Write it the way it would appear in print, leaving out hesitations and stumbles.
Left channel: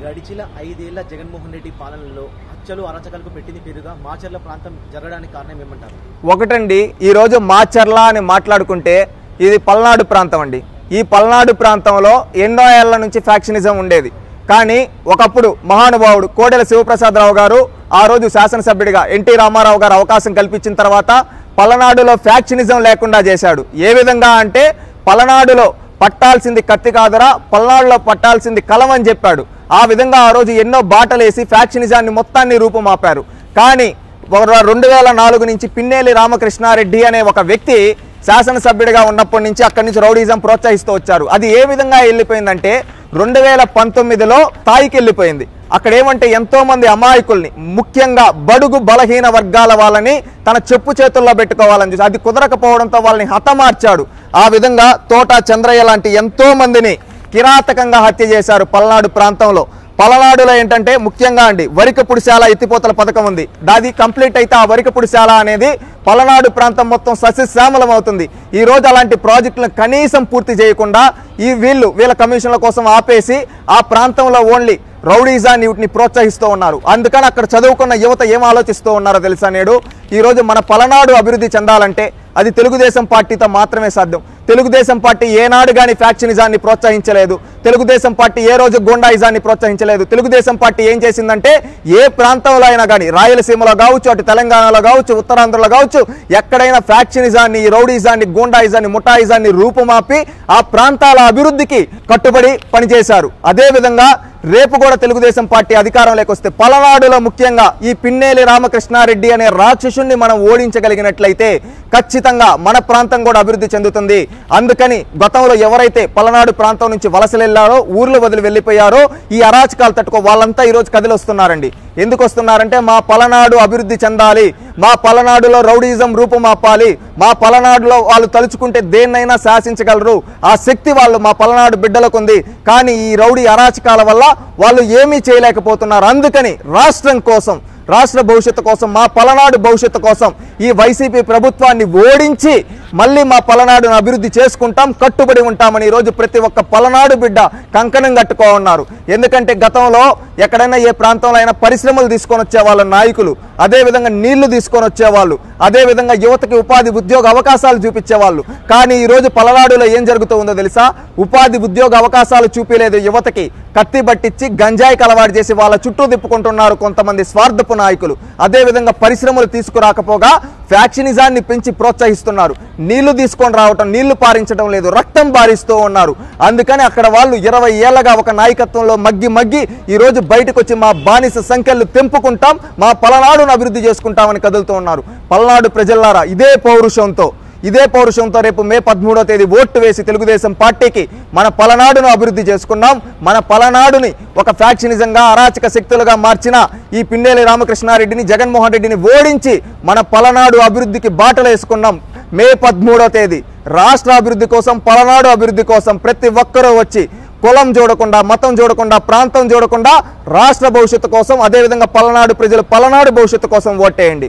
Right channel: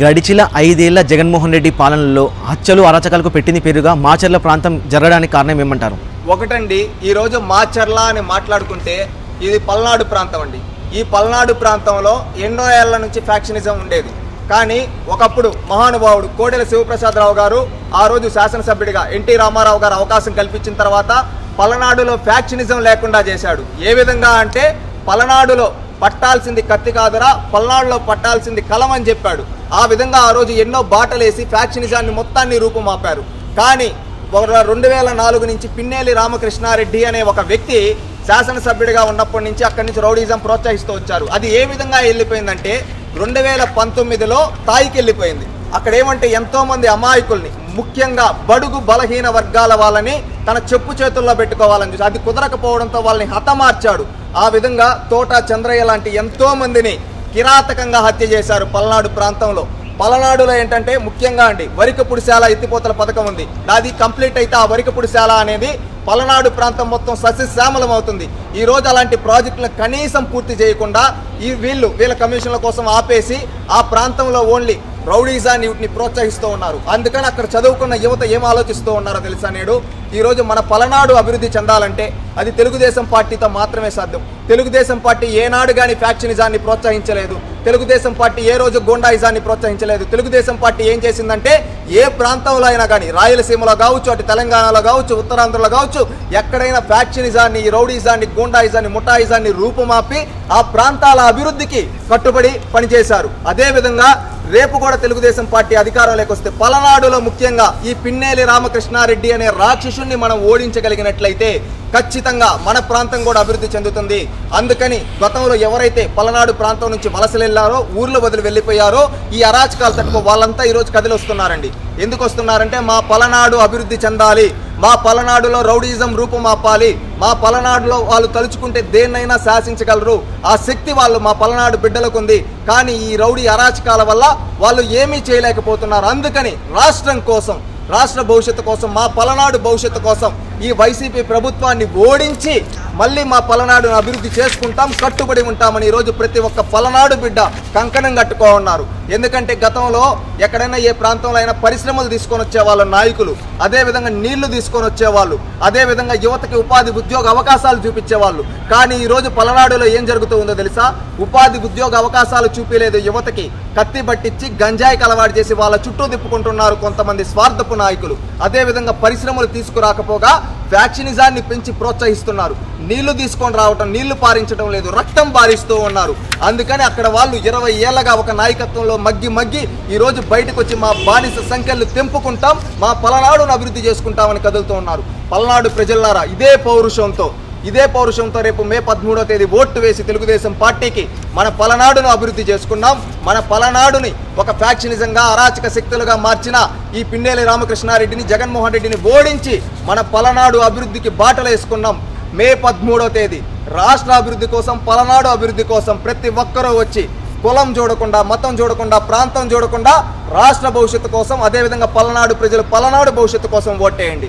గడిచిన 5 ఏళ్ల జగన్మోహన్ రెడ్డి పాలనలో హత్యలు అరాచకాలకు పెట్టింది పేరుగా మాచర్ల ప్రాంతం జరగడానికి కారణం ఏమంటారు? ఒకటండి, ఈరోజు మాచర్ల అని మాట్లాడుకుంటే ఇది పల్నాడు ప్రాంతం అండి. ఈ పల్నాడు ప్రాంతంలో ఎన్నో ఏళ్ల నుంచి ఫ్యాక్షనిజం ఉండేది. కానీ ఒకప్పుడు మహానుభావుడు కోడెల శివప్రసాదరావు గారు ఆ రోజు శాసనసభ్యుడిగా ఎన్టీ రామారావు గారు అవకాశం కల్పించిన తర్వాత పల్నాడులో ఫ్యాక్షనిజం లేకుండా చేశాడు. ఏ విధంగా అంటే పల్నాడులో పట్టాల్సింది కత్తి కాదురా, పల్నాడులో పట్టాల్సింది కలం అని చెప్పాడు. ఆ విధంగా ఆ రోజు ఎన్నో బాటలేసి ఫ్యాక్షనిజాన్ని మొత్తాన్ని రూపుమాపారు. కానీ 2004 నుంచి పిన్నెల్లి రామకృష్ణారెడ్డి అనే ఒక వ్యక్తి శాసనసభ్యుడిగా ఉన్నప్పటి నుంచి అక్కడి నుంచి రౌడీజం ప్రోత్సహిస్తూ వచ్చారు. అది ఏ విధంగా వెళ్ళిపోయిందంటే 2019లో తాయికి వెళ్ళిపోయింది. అక్కడ ఏమంటే ఎంతో మంది అమాయకుల్ని, ముఖ్యంగా బడుగు బలహీన వర్గాల వాళ్ళని తన చెప్పు చేతుల్లో పెట్టుకోవాలని చూసి అది కుదరకపోవడంతో వాళ్ళని హతమార్చాడు. ఆ విధంగా తోట చంద్రయ్య లాంటి ఎంతో మందిని కిరాతకంగా హత్య చేశారు పల్నాడు ప్రాంతంలో. పల్నాడులో ఏంటంటే ముఖ్యంగా అండి వరికపుడిశాల ఎత్తిపోతల పథకం ఉంది. దాది కంప్లీట్ అయితే ఆ వరికపుడిశాల అనేది పల్నాడు ప్రాంతం మొత్తం సస్యశ్యామలం అవుతుంది. ఈ రోజు అలాంటి ప్రాజెక్టులను కనీసం పూర్తి చేయకుండా వీళ్ళ కమిషన్ల కోసం ఆపేసి ఆ ప్రాంతంలో ఓన్లీ రౌడీజాన్ని వీటిని ప్రోత్సహిస్తూ ఉన్నారు. అందుకని అక్కడ చదువుకున్న యువత ఏం ఆలోచిస్తూ ఉన్నారో తెలుసా? నేడు ఈ రోజు మన పల్నాడు అభివృద్ధి చెందాలంటే అది తెలుగుదేశం పార్టీతో మాత్రమే సాధ్యం. తెలుగుదేశం పార్టీ ఏనాడు గాని ఫ్యాక్షనిజాన్ని ప్రోత్సహించలేదు. తెలుగుదేశం పార్టీ ఏ రోజు గూండాయిజాన్ని ప్రోత్సహించలేదు. తెలుగుదేశం పార్టీ ఏం చేసిందంటే ఏ ప్రాంతంలో అయినా కానీ రాయలసీమలో కావచ్చు, అటు తెలంగాణలో కావచ్చు, ఉత్తరాంధ్రలో కావచ్చు, ఎక్కడైనా ఫ్యాక్షనిజాన్ని, రౌడీజాన్ని, గూండాయిజాన్ని, ముఠాయిజాన్ని రూపుమాపి ఆ ప్రాంతాల అభివృద్ధికి కట్టుబడి పనిచేశారు. అదే విధంగా రేపు కూడా తెలుగుదేశం పార్టీ అధికారంలోకి వస్తే పల్నాడులో ముఖ్యంగా ఈ పిన్నెల్లి రామకృష్ణారెడ్డి అనే రాక్షసుని మనం ఓడించగలిగినట్లయితే ఖచ్చితంగా మన ప్రాంతం కూడా అభివృద్ధి చెందుతుంది. అందుకని గతంలో ఎవరైతే పల్నాడు ప్రాంతం నుంచి వలసలు వెళ్లారో, ఊర్లు వదిలి వెళ్ళిపోయారో, ఈ అరాచకాలు తట్టుకో వాళ్ళంతా ఈరోజు కదిలి వస్తున్నారండి. ఎందుకు వస్తున్నారంటే మా పల్నాడు అభివృద్ధి చెందాలి, మా పల్నాడులో రౌడీజం రూపుమాపాలి, మా పల్నాడులో వాళ్ళు తలుచుకుంటే దేన్నైనా శాసించగలరు, ఆ శక్తి వాళ్ళు మా పల్నాడు బిడ్డలకు ఉంది. కానీ ఈ రౌడీ అరాచకాల వల్ల వాళ్ళు ఏమీ చేయలేకపోతున్నారు. అందుకని రాష్ట్రం కోసం, రాష్ట్ర భవిష్యత్తు కోసం, మా పల్నాడు భవిష్యత్తు కోసం ఈ వైసీపీ ప్రభుత్వాన్ని ఓడించి మళ్ళీ మా పల్నాడును అభివృద్ధి చేసుకుంటాం, కట్టుబడి ఉంటామని ఈరోజు ప్రతి ఒక్క పల్నాడు బిడ్డ కంకణం కట్టుకో ఉన్నారు. ఎందుకంటే గతంలో ఎక్కడైనా ఏ ప్రాంతంలో అయినా పరిశ్రమలు తీసుకొని వచ్చేవాళ్ళు నాయకులు, అదేవిధంగా నీళ్లు తీసుకొని వచ్చేవాళ్ళు, అదేవిధంగా యువతకి ఉపాధి ఉద్యోగ అవకాశాలు చూపించేవాళ్ళు. కానీ ఈ రోజు పల్నాడులో ఏం జరుగుతూ ఉందో తెలుసా? ఉపాధి ఉద్యోగ అవకాశాలు చూపించలేదు యువతకి, కత్తి పట్టించి గంజాయికి అలవాటు చేసి వాళ్ళ చుట్టూ తిప్పుకుంటున్నారు కొంతమంది స్వార్థపు నాయకులు. అదేవిధంగా పరిశ్రమలు తీసుకురాకపోగా ఫ్యాక్షనిజాన్ని పెంచి ప్రోత్సహిస్తున్నారు. నీళ్లు తీసుకొని రావటం, నీళ్లు పారించడం లేదు, రక్తం పారిస్తూ ఉన్నారు. అందుకని అక్కడ వాళ్ళు 20 ఏళ్లగా ఒక నాయకత్వంలో మగ్గి ఈ రోజు బయటకు వచ్చి మా బానిస సంఖ్యలు తెంపుకుంటాం, మా పల్నాడును అభివృద్ధి చేసుకుంటామని కదులుతూ ఉన్నారు. పల్నాడు ప్రజలారా, ఇదే పౌరుషంతో రేపు మే 13వ తేదీ ఓటు వేసి తెలుగుదేశం పార్టీకి మన పల్నాడును అభివృద్ధి చేసుకున్నాం. మన పల్నాడుని ఒక ఫ్యాక్షనిజంగా, అరాచక శక్తులుగా మార్చిన ఈ పిన్నెల్లి రామకృష్ణారెడ్డిని, జగన్మోహన్ రెడ్డిని ఓడించి మన పల్నాడు అభివృద్ధికి బాటలు వేసుకున్నాం. మే 13వ తేదీ రాష్ట్ర అభివృద్ధి కోసం, పల్నాడు అభివృద్ధి కోసం ప్రతి ఒక్కరూ వచ్చి కులం చూడకుండా, మతం చూడకుండా, ప్రాంతం చూడకుండా రాష్ట్ర భవిష్యత్తు కోసం, అదేవిధంగా పల్నాడు ప్రజలు పల్నాడు భవిష్యత్తు కోసం ఓటేయండి.